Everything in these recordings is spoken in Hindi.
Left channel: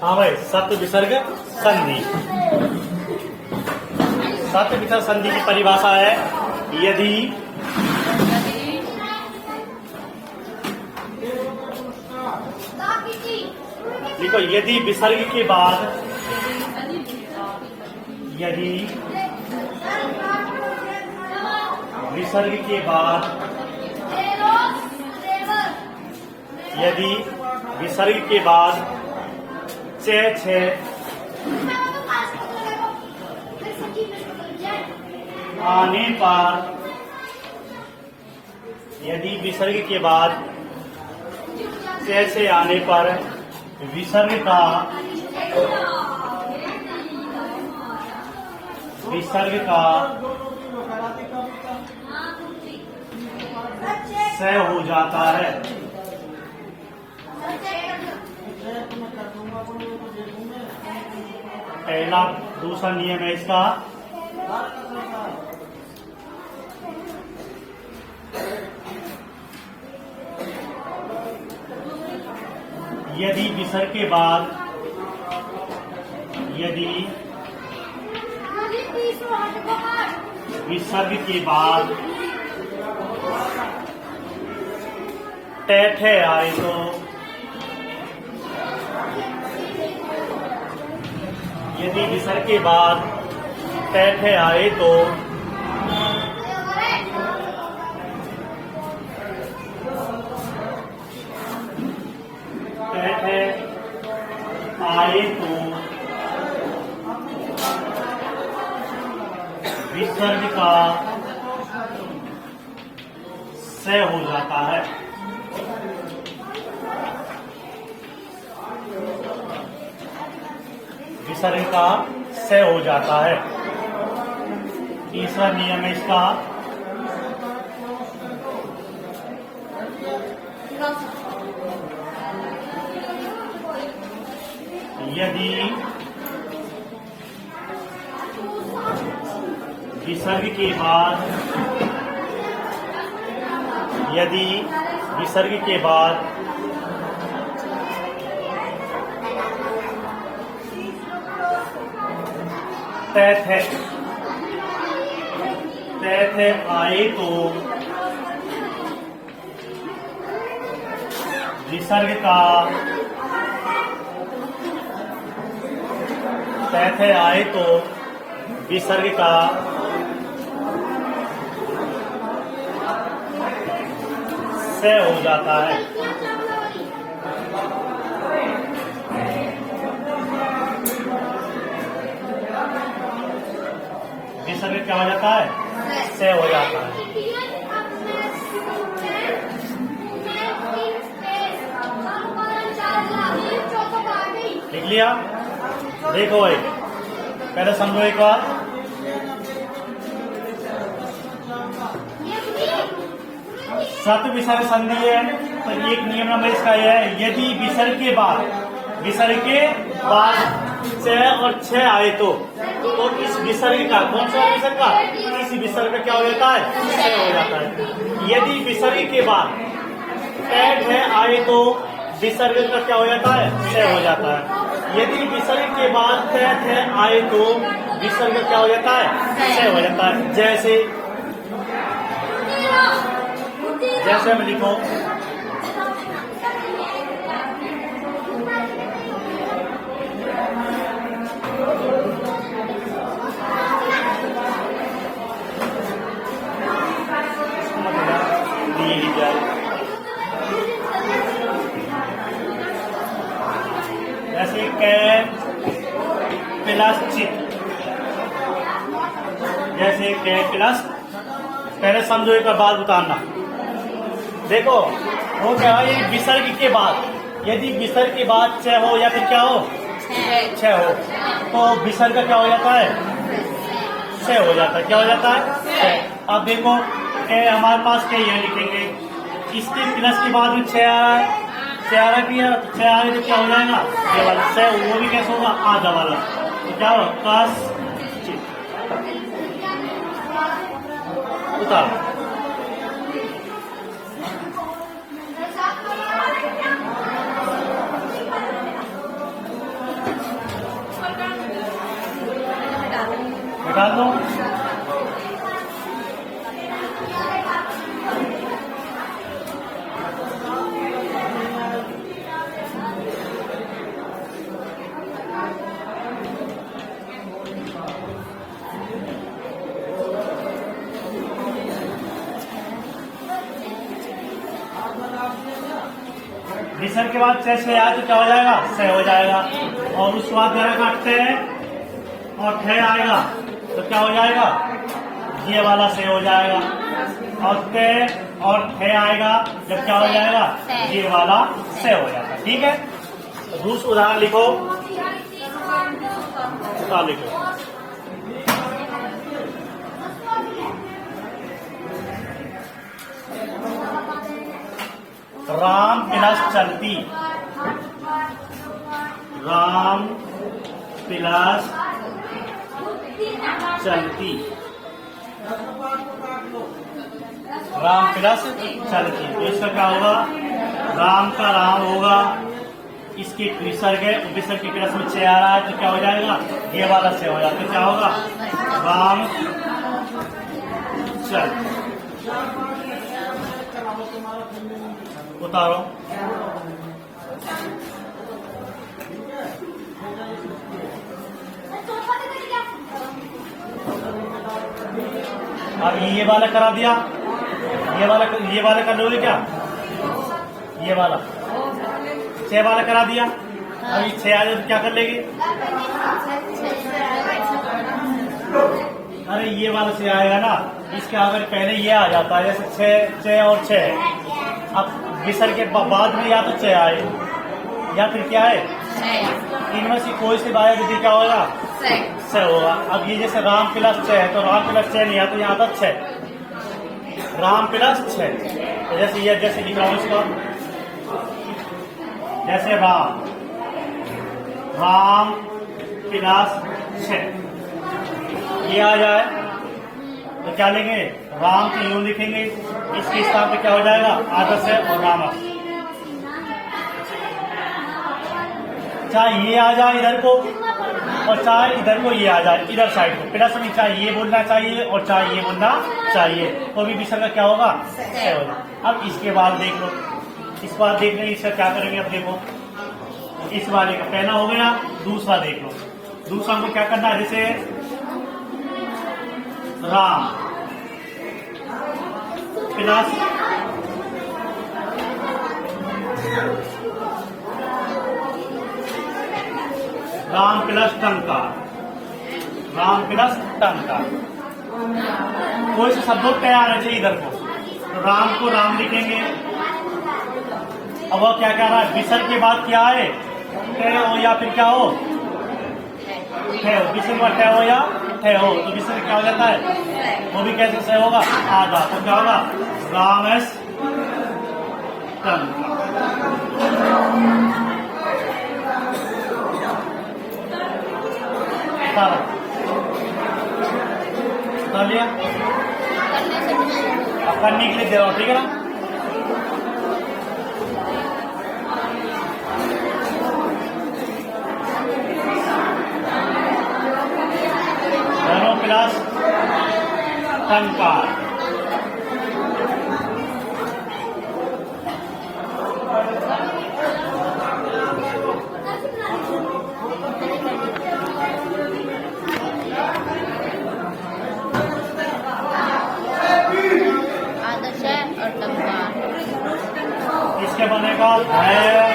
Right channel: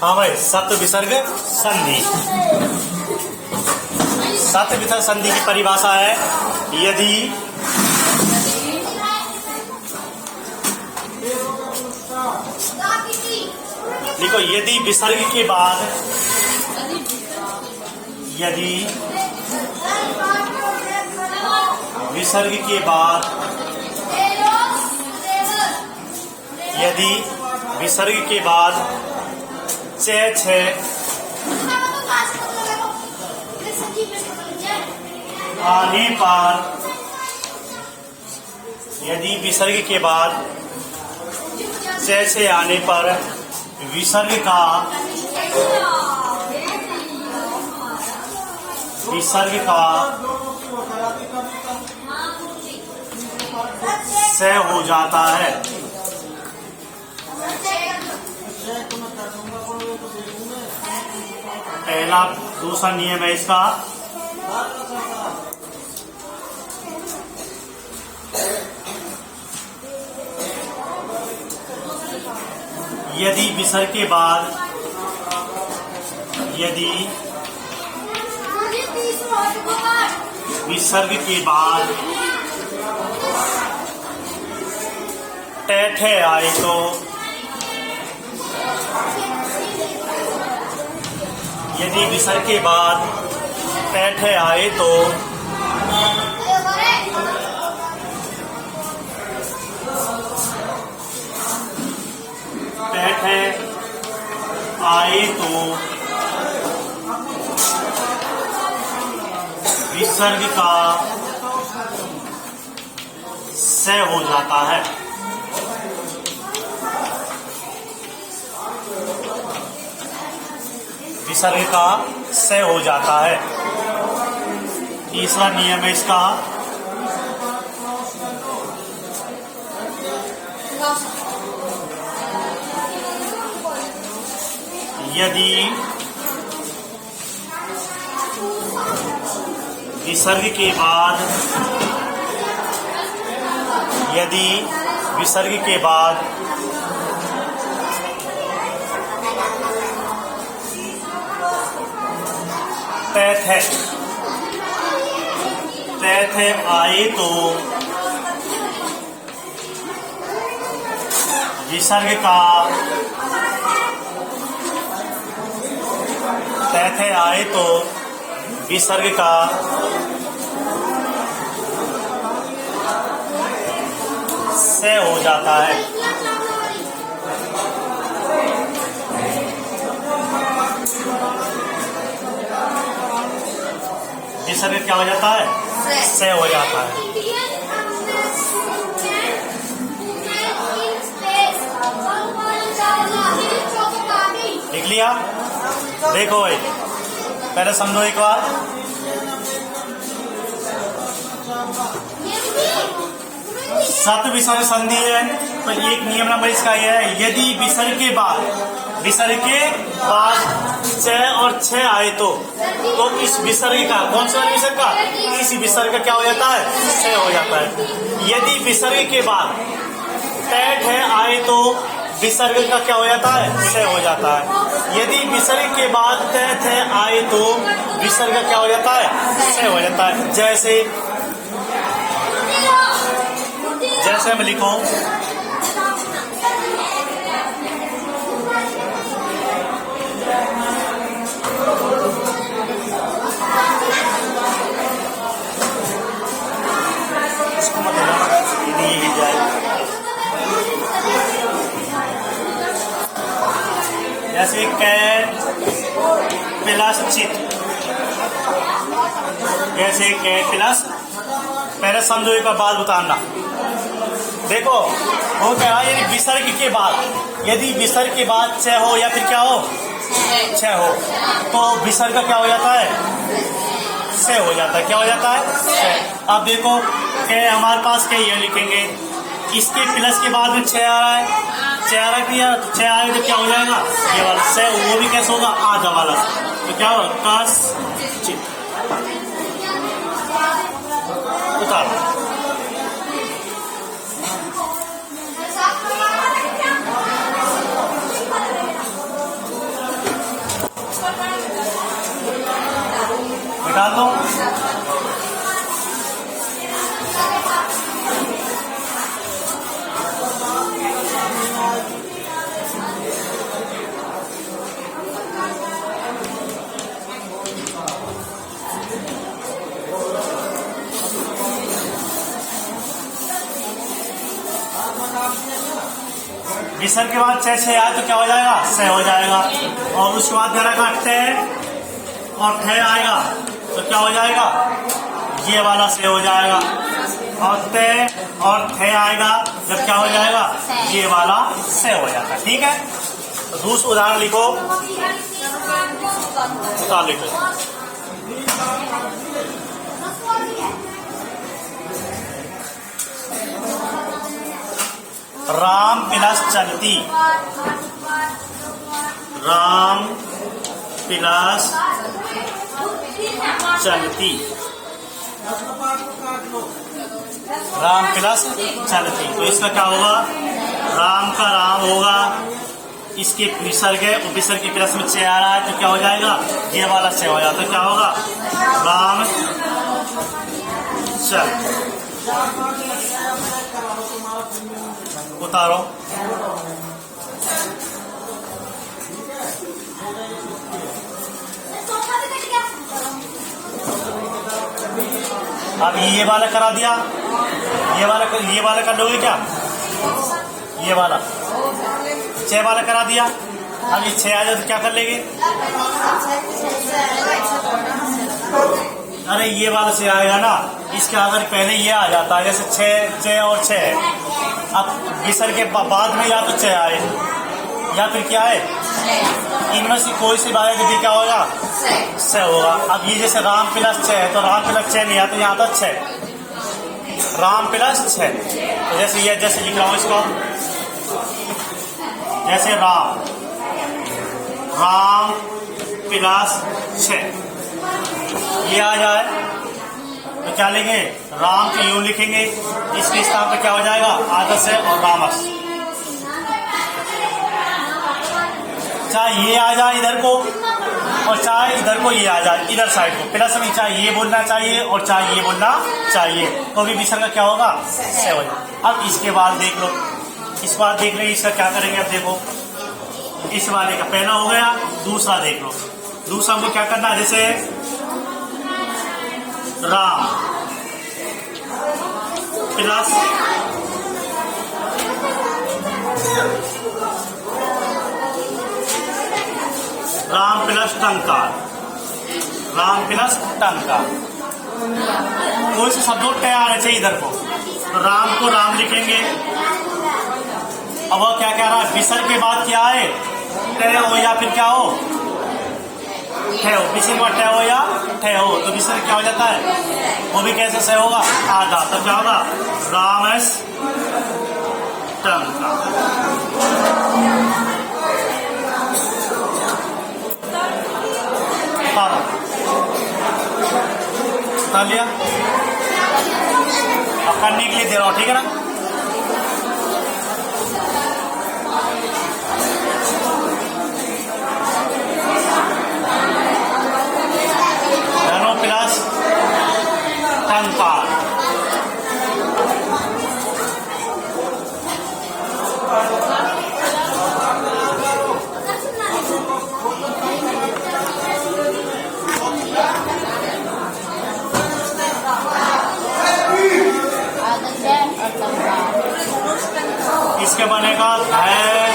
हाँ भाई, सत विसर्ग संधि। सत विसर्ग संधि की परिभाषा है यदि देखो, यदि विसर्ग के बाद विसर्ग के बाद आने पर, यदि विसर्ग के बाद से आने पर विसर्ग का से हो जाता है। पहला, दूसरा नियम है इसका यदि विसर्ग के बाद ठे आए तो यदि विसर्ग के बाद ठे आए तो विसर्ग का से हो जाता है। विसर्ग का से हो जाता है। तीसरा नियम है इसका यदि विसर्ग के बाद थे आए तो विसर्ग का थे आए तो विसर्ग का से हो जाता है। विसर्ग क्या हो जाता है? से हो जाता है। लिख लिया? देखो भाई, पहले समझो एक बार। सत विसर्ग संधि है तो एक नियम नंबर इसका यह है, यदि विसर्ग के बाद छ और छ आए तो इस विसर्ग का, कौन सा विसर्ग का, इस विसर्ग का क्या हो जाता है? से हो जाता है। यदि विसर्ग के बाद ठे आए तो विसर्ग का क्या हो जाता है? से हो जाता है। यदि विसर्ग के बाद थे आए तो विसर्ग का क्या हो जाता है? से हो जाता है। जैसे मैं लिखूं, इसको मत जैसे कैट प्लस चित, जैसे कैट प्लस, पहले समझो एक बार बात बताना। देखो हो क्या है, यदि विसर्ग के बाद, यदि विसर्ग के बाद छ हो या फिर क्या हो, छ हो, तो विसर्ग का क्या हो जाता है? से हो जाता है। क्या हो जाता है? से। अब देखो हमारे पास क्या ये लिखेंगे, इसके प्लस के बाद में छ आ रहा है, छ आ रहा है, तो छ आए तो क्या हो जाएगा? ये वाला से, वो भी कैसे होगा? आधा वाला। तो क्या होगा? कस चित उतार। निकाल दो। विसर्ग के बाद 6 6 आए तो क्या हो जाएगा? 6 हो जाएगा। और उसके बाद घर काटते हैं और 6 आएगा तो क्या हो जाएगा? ये वाला 6 हो जाएगा। और 6 और 6 आएगा जब क्या हो जाएगा? ये वाला 6 हो जाता है। ठीक है, तो दूसरा उदाहरण लिखो। लिखो राम प्लस चलती, राम प्लस चलती, राम प्लस चलती। तो इसका क्या होगा? राम का राम होगा, इसके विसर्ग है, विसर्ग के प्लस में 6 आ रहा है तो क्या हो जाएगा? ये वाला 6 हो जाता है। क्या होगा? राम चल। उतारो। अब ये वाला करा दिया, ये वाला कर लोगे क्या? ये वाला 6 वाला करा दिया। अब ये 6 आ जाए तो क्या कर लेंगे? अरे ये वाला 6 आएगा ना, इसका अगर पहले ये आ जाता है जैसे 6 और 6 है, अब विसर्ग के बाद में या तो 6 आए या फिर क्या है, इनमें से कोई सी बात भी क्या होगा? 6 होगा। अब ये जैसे राम प्लस 6 है तो राम प्लस 6 नहीं आता, यहाँ तो 6 राम प्लस 6। तो जैसे ये जैसे लिख रहा हूँ इसको, जैसे राम प्लस 6 ये आ जाए तो क्या लेंगे? राम को यूं लिखेंगे, इसके स्थान पे क्या हो जाएगा? आदर्श है और रामस। चाहे ये आ जाए इधर को और चाहे इधर को ये आ जाए, इधर साइड को प्लस में चाहे ये बोलना चाहिए और चाहे ये बोलना चाहिए, तो भी विसर्ग का क्या होगा? 6 हो जाए। अब इसके बाद देख लो, इस बार देख ले इसका क्या करेंगे। अब देखो इस वाले का पहला हो गया, दूसरा देख लो। दूसरा हमको क्या करना है? जैसे राम प्लस टंकार, राम प्लस टंकार। कोई से शब्दों तय आना चाहिए इधर को, तो राम को राम लिखेंगे। अब वह क्या कह रहा है? विसर्ग के बाद क्या है? तय हो या फिर क्या हो? ठे हो। विसर्ग के बाद तय हो या ठे हो, तो विसर्ग क्या हो जाता है? वो भी कैसे से होगा? आधा। तो क्या होगा? रामस टंका। उतार लिया। अब करने के लिए दे रहा हूँ, ठीक है ना? धनो प्लस टंकार। इसके बनेगा है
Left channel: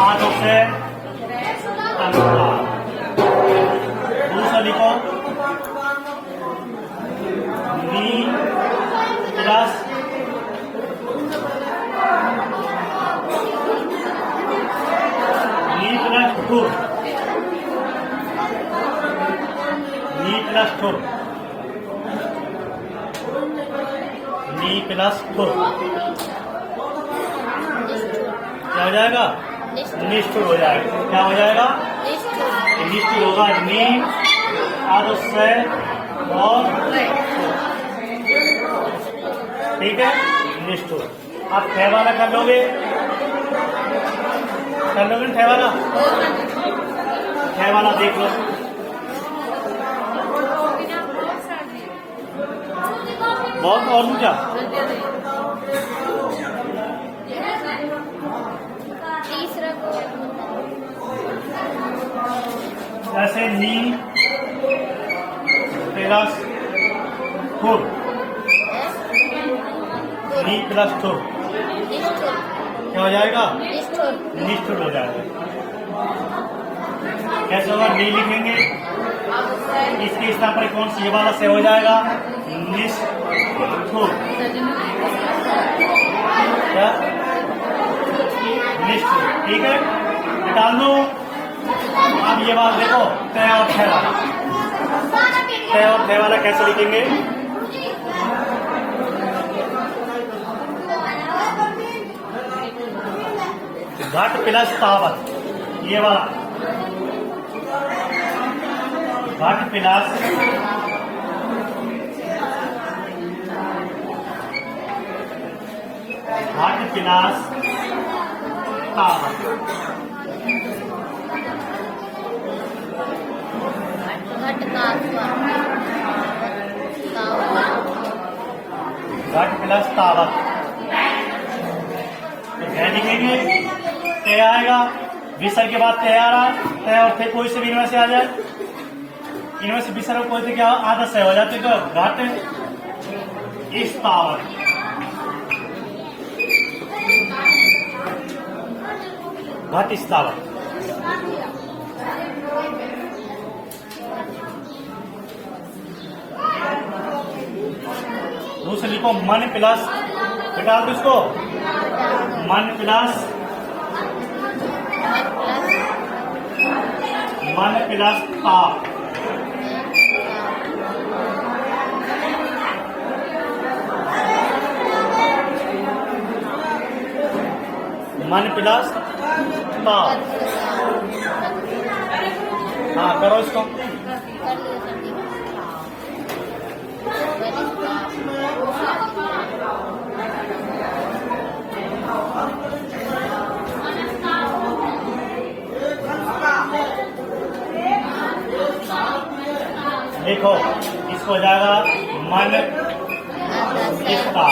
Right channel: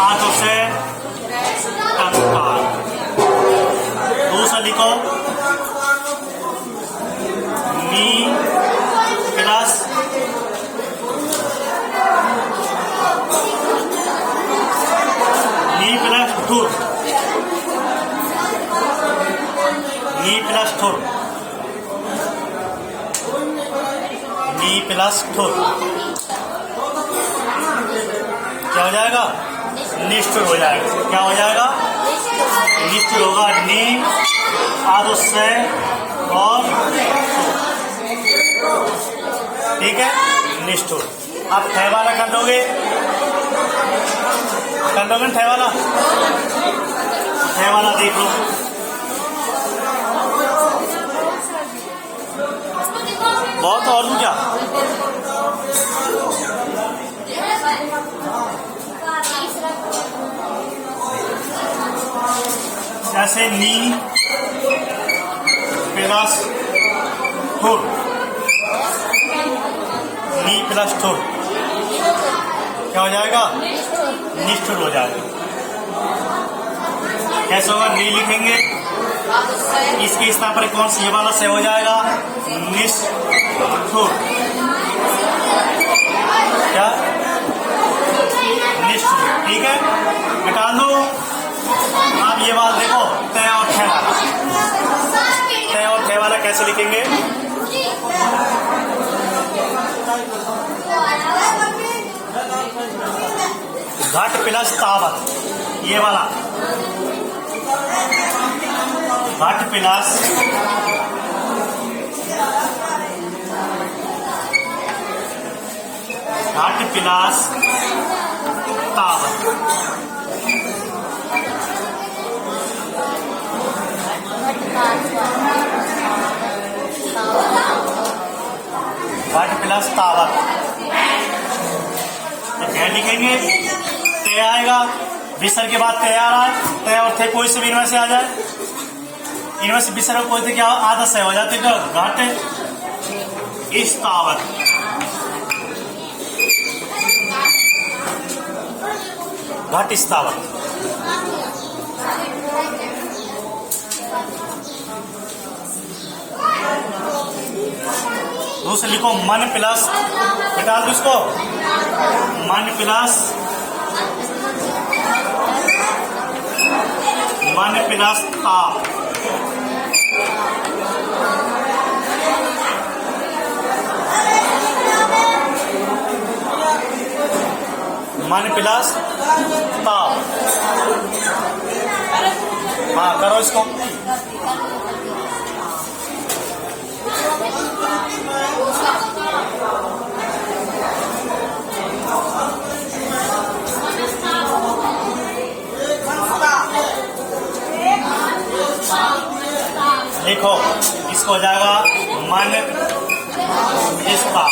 आठों से टंकार। दूसरा लिखो मी प्लस ठुर, नी प्लस ठुर, नी प्लस ठुर क्या हो जाएगा? निष्ठुर हो जाएगा। क्या हो जाएगा? निष्ठुर होगा। नी आदो से और ठीक है, निष्ठुर। आप ठे वाला कर लोगे ना ठे वाला देख लो। बहुत और दूं क्या? जैसे नी प्लस ठुर, नी प्लस ठुर क्या हो जाएगा? निष्ठुर हो जाएगा। कैसे होगा? नी लिखेंगे, इसके स्थान पर कौन सी ये वाला से हो जाएगा? निष्ठुर। क्या? निष्ठुर। ठीक है, निकाल दो। अब ये बात देखो, तय और थे वाला, तय और थे वाला कैसे लिखेंगे? घट प्लस तावत, ये वाला घट प्लस तावत, घट प्लस तावत। तो क्या लिखेंगे? तय आएगा, विसर्ग के बाद तय आ रहा है, तय और थे कोई से भी इनमें से आ जाए, इनमें से विसर्ग कोई थे क्या आदत से हो जाती है। घट इस तावत, घट इस तावत। दूसरे लिखो मन प्लस, बता दो इसको, मन प्लस ता, मन प्लस ता। हाँ करो इसको। देखो इसको हो जाएगा मन इसका,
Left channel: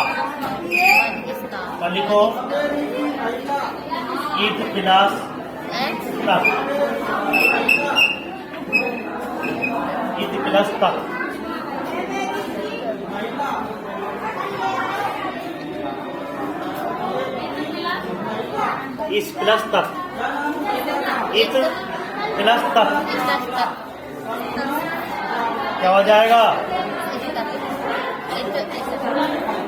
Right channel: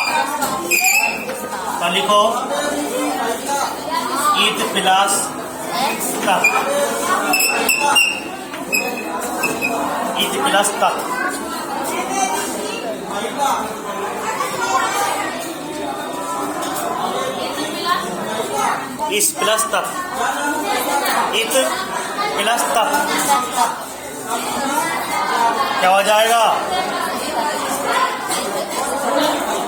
तो लिखो ईद प्लस तक, ईद प्लस तक। इस प्लस तक, ईद प्लस तक क्या हो जाएगा?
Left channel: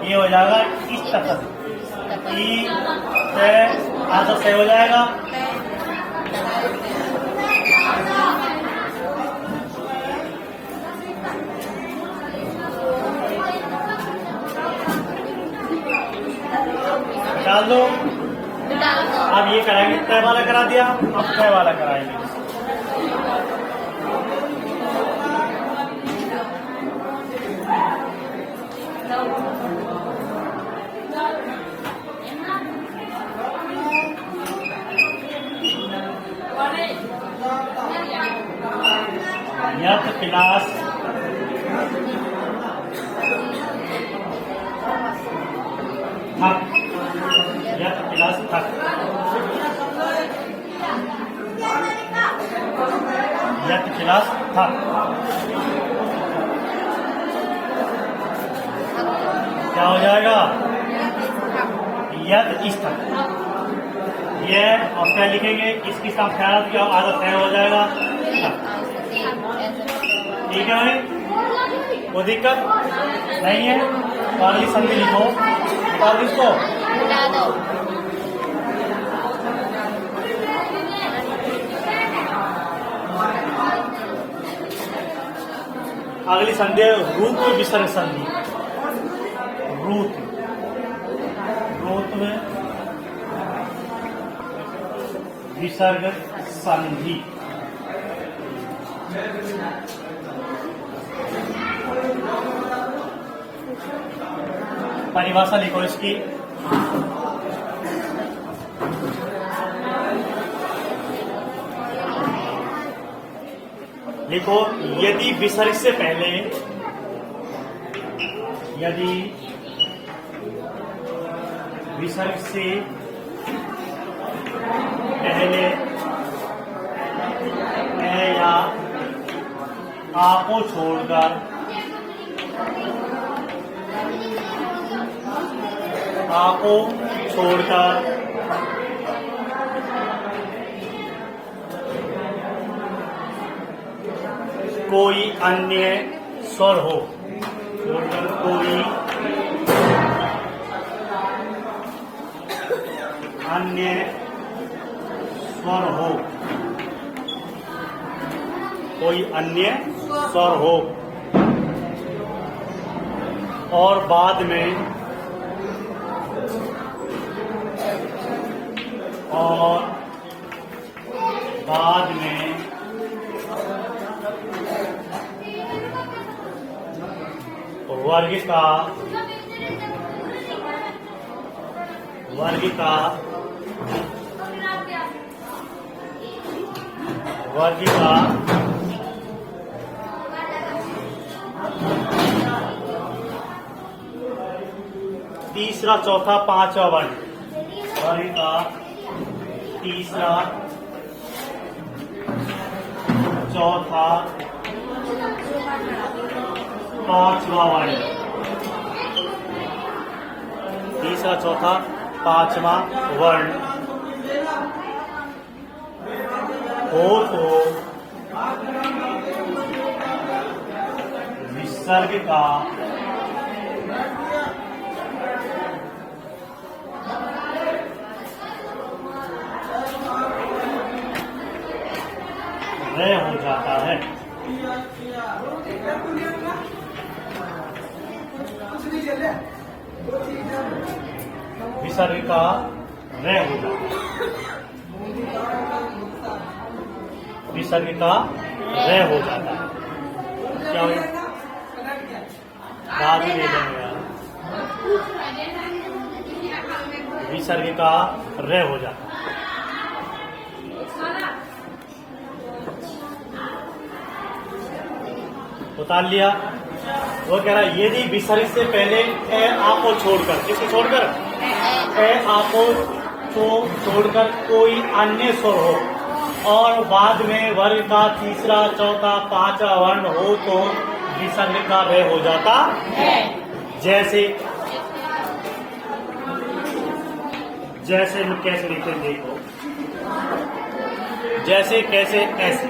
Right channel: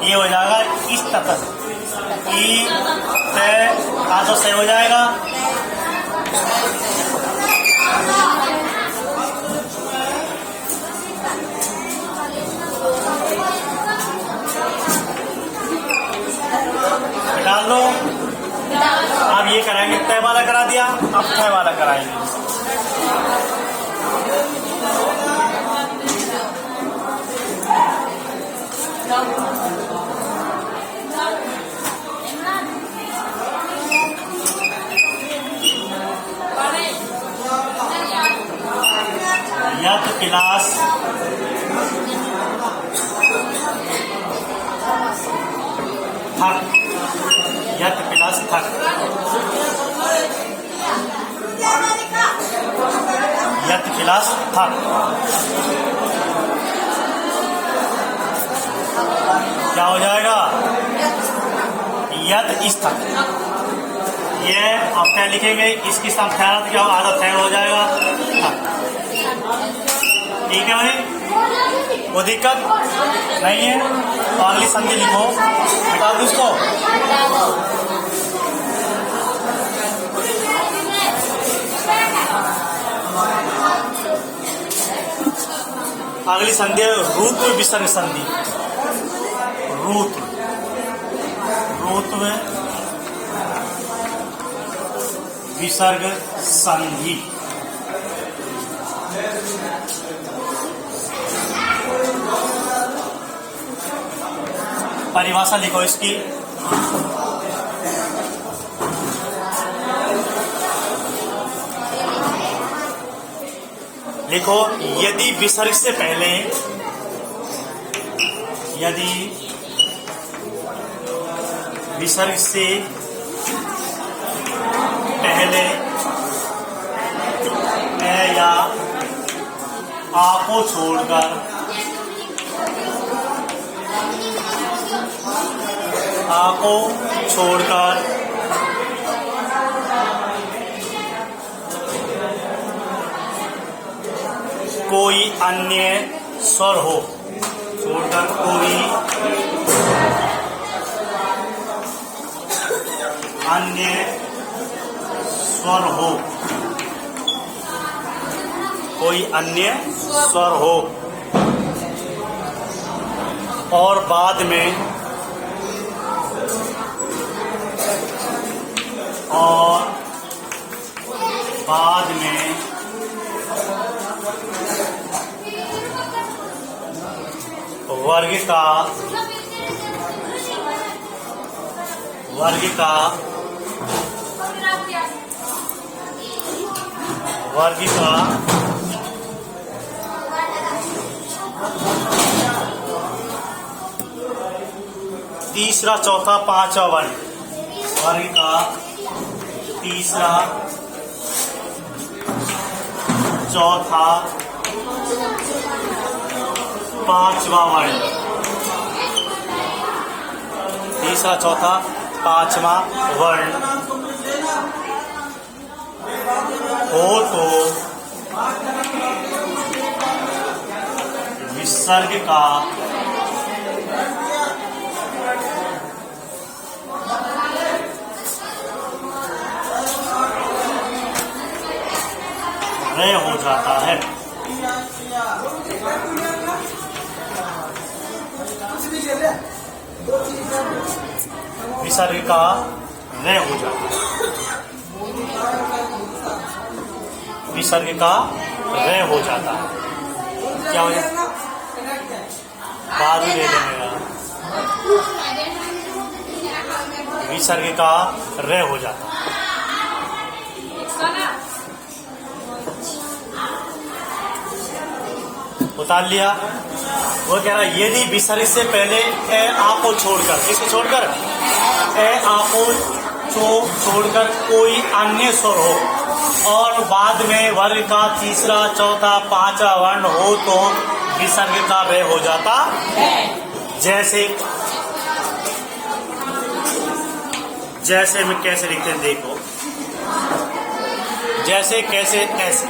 ये हो जाएगा इस तक, ई से आधा से हो जाएगा। डाल दो। अब ये कराएंगे, तय वाला करा दिया, अब तय वाला कराएंगे। यत प्लस थक, यत प्लस थक, यत प्लस थक क्या हो जाएगा? यत इस तक। ये अब क्या लिखेंगे? इसकी संख्या क्या आधा तय हो जाएगा थक। ठीक है भाई, वो दिक्कत नहीं है। तो अगली संधि लिखो, बता दो इसको। अगली संधि रूत्व विसर्ग संधि, रूत्व विसर्ग संधि। परिभाषा लिखो इसकी। लिखो, यदि विसर्ग से पहले यदि विसर्ग से पहले ए या आ को छोड़कर कोई अन्य स्वर हो, कोई अन्य स्वर हो और बाद में वर्ग का तीसरा चौथा पांचवा वर्ण, वर्ग का तीसरा चौथा पांचवा वर्ण, तीसरा चौथा पांचवा वर्ण हो तो विसर्ग का रे हो जाता है। विसर्ग का रे हो जाता है, विसर्ग का रे हो जाता है। क्या हो जाता? बाद में ले लेंगे। विसर्ग का रे हो जाता है। उतार लिया। वो कह रहा है यदि विसर्ग से पहले ए आ को छोड़कर, किसको छोड़कर? ए आ को छोड़कर कोई अन्य स्वर हो और बाद में वर्ग का तीसरा चौथा पांचवा वर्ण हो तो विसर्ग का रे हो जाता है। जैसे में कैसे लिखते हैं देखो, जैसे कैसे ऐसे,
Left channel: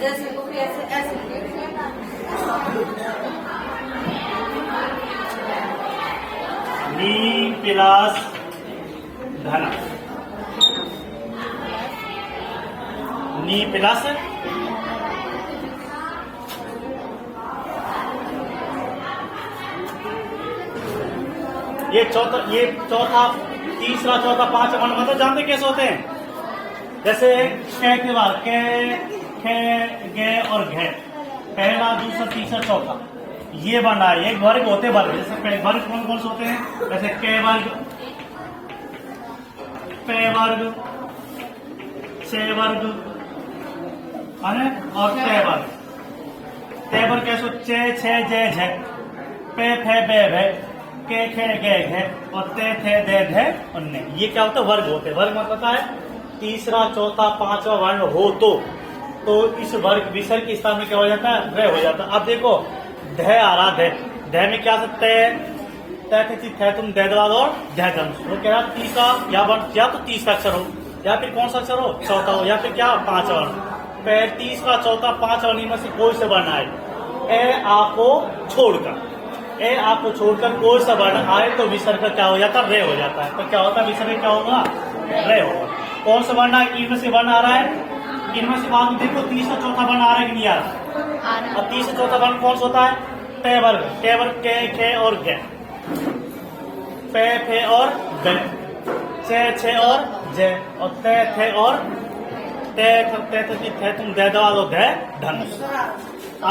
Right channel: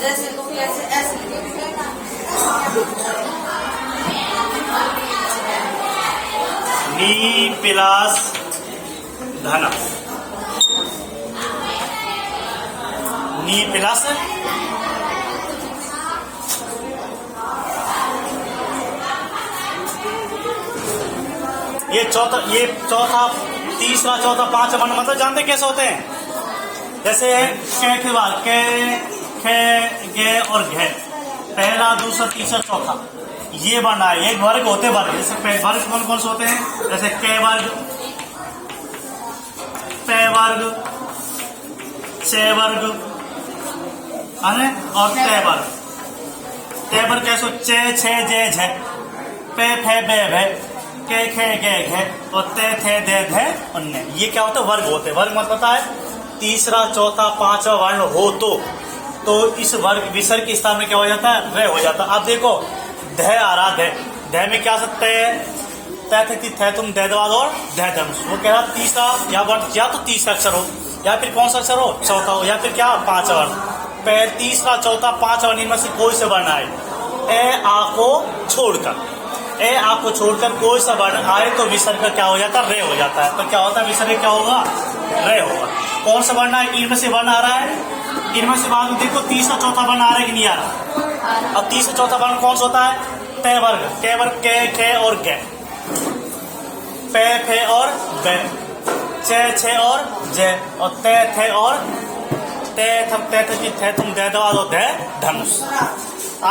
जैसे कोई ऐसे नी प्लस धन, नी प्लस ये चौथा तीसरा चौथा पांचवा वर्ण मतलब जानते कैसे होते हैं? जैसे कै के बाद कै, खे, गे और घे, पहला दूसरा तीसरा चौथा ये वर्ण आए, एक वर्ग होते वर्ग। जैसे वर्ग कौन कौन से होते हैं? जैसे के वर्ग, पे वर्ग, चे वर्ग और ते वर्ग। ते वर्ग कैसे? चे छे जे झे, पे फे बे भे, के खे गे घे और ते थे दे धे उन्ने। ये क्या होता है? वर्ग होते। वर्ग मतलब पता है तीसरा चौथा पांचवा वर्ण हो तो इस वर्ग विसर्ग के स्थान में क्या हो जाता है? रे हो जाता है। अब देखो ध आ रहा, ध में क्या सकते हैं? तय तुम दे दवा दो और ध धनुष। वो कह रहा तीसरा या वर्ण या तो तीसरा अक्षर हो या फिर कौन सा अक्षर हो? चौथा हो या फिर क्या? पांचवा वर्ण। तीसरा चौथा पांचवा वर्ण में से कोई सा वर्ण आए ए आ को छोड़कर कोई सा वर्ण आए तो विसर्ग का क्या हो जाता है? रे हो जाता है। तो क्या होता है? विसर्ग क्या होगा? रे होगा। कौन सा वर्ण है? इनमें से वर्ण आ रहा है, इनमें से बाद में देखो तीसरा चौथा वर्ण आ रहा है कि नहीं आ रहा? अब तीसरा चौथा वर्ण कौन सा होता है? ते वर्ग, के खे और गे, पे फे और बे, चे छे और जे और ते थे और ते थम ते थे तुम दे दवा दो दे धनुष। आ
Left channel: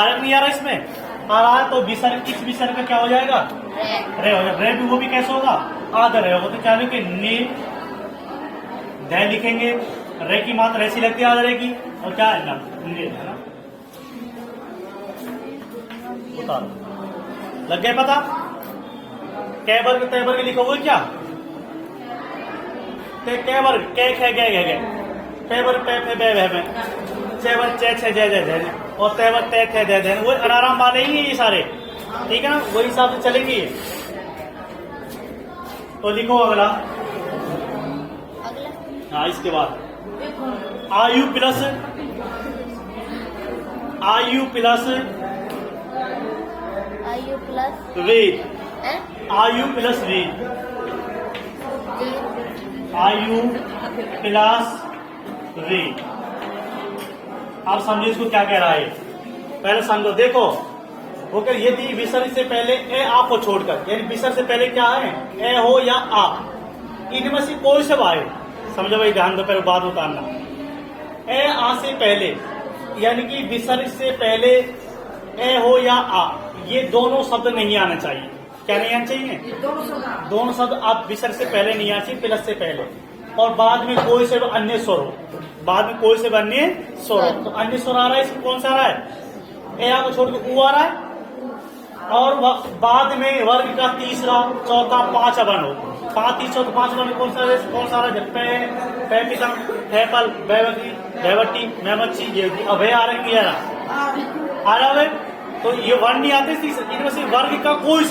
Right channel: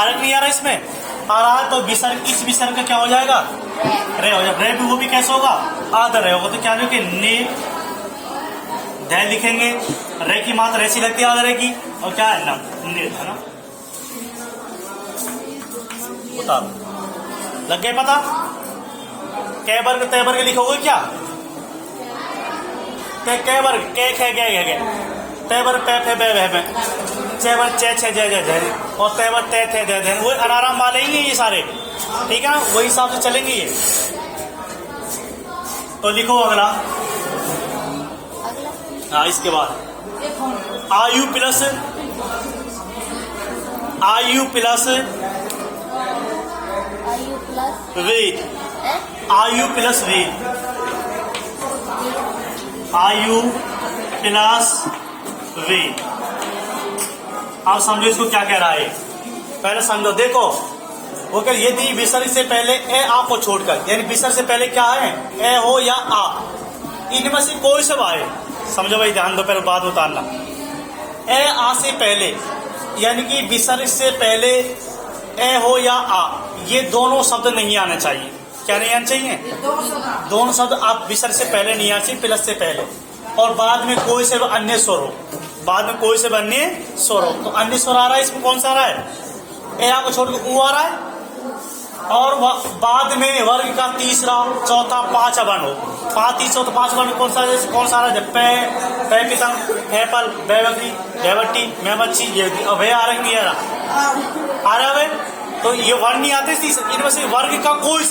रहा नहीं आ रहा? इसमें आ रहा है। तो विसर्ग, इस विसर्ग का क्या हो जाएगा? रे हो जाएगा। रे भी वो भी कैसे होगा? आधा रे होगा। तो क्या लिखे? ने ध लिखेंगे, रे की मात्रा ऐसी लगती है आधा रे की, और क्या है? न, ने, है ना? उतारो। लग गए पता? कै वर्ग तय वर्ग लिखोगे क्या? कै वर्ग कै खे गे तय वर्ग पै फे बे भे में चे वर्ग चे छे जय जय जय और तय वर्ग तय थे दे वो अनाराम वाले ही नहीं ये सारे, ठीक है ना? वही हिसाब से चलेंगे ये। तो लिखो अगला। हाँ, इसके बाद आयु प्लस आयु प्लस वेद, आयु प्लस वेद, आयु प्लस वेद। आप समझो इसको क्या कह रहा है, पहले समझो। देखो वो कह यदि विसर्ग से पहले ए आ को छोड़कर, यानी विसर्ग से पहले क्या है, ए हो या आ, इनमें से कोई सब आए, समझो भाई, ध्यान दो, पहले बात उतारना। ए आ से पहले यानी कि विसर्ग से पहले ए हो या आ, ये दोनों शब्द नहीं आने चाहिए। क्या नहीं आने चाहिए? दोनों शब्द आप विसर्ग से पहले नहीं आने चाहिए, प्लस से पहले। और बाद में कोई से अन्य स्वर हो, बाद में कोई से अन्य स्वर हो। तो अन्य स्वर आ रहा है, इसमें कौन सा आ रहा है? ए आ को छोड़ के ऊ आ रहा है। और बाद में वर्ग का तीसरा चौथा पांच वर्ण हो, तीसरा तो पांच वर्ण कौन सा आ रहा है? पे पे पितंग हैपल बैवकी बैवटी मैमच्छी, ये अभय आ रही है आ रहा है। तो ये वर्ण नहीं आते, इनमें से वर्ग का कोई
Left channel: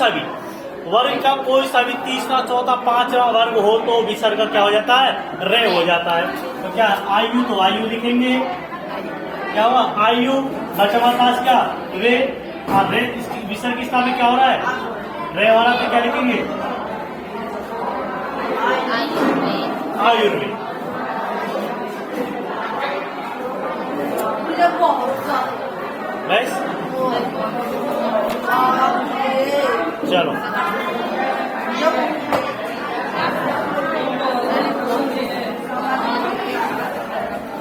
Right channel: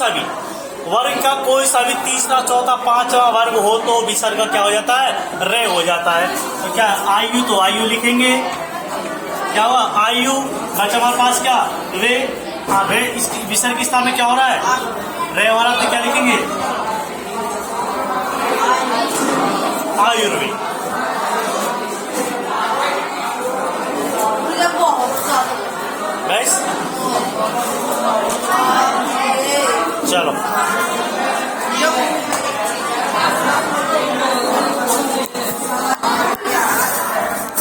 सा भी तीसरा चौथा पांचवा वर्ग हो तो विसर्ग क्या हो जाता है? रे हो जाता है। तो क्या आयु, तो आयु लिखेंगे, क्या हुआ? आयु बचा हमारे पास क्या? रे। रे इसकी विसर्ग की स्थान में क्या हो रहा है? रे हो रहा, तो क्या लिखेंगे? आयुर्वेद। बस चलो।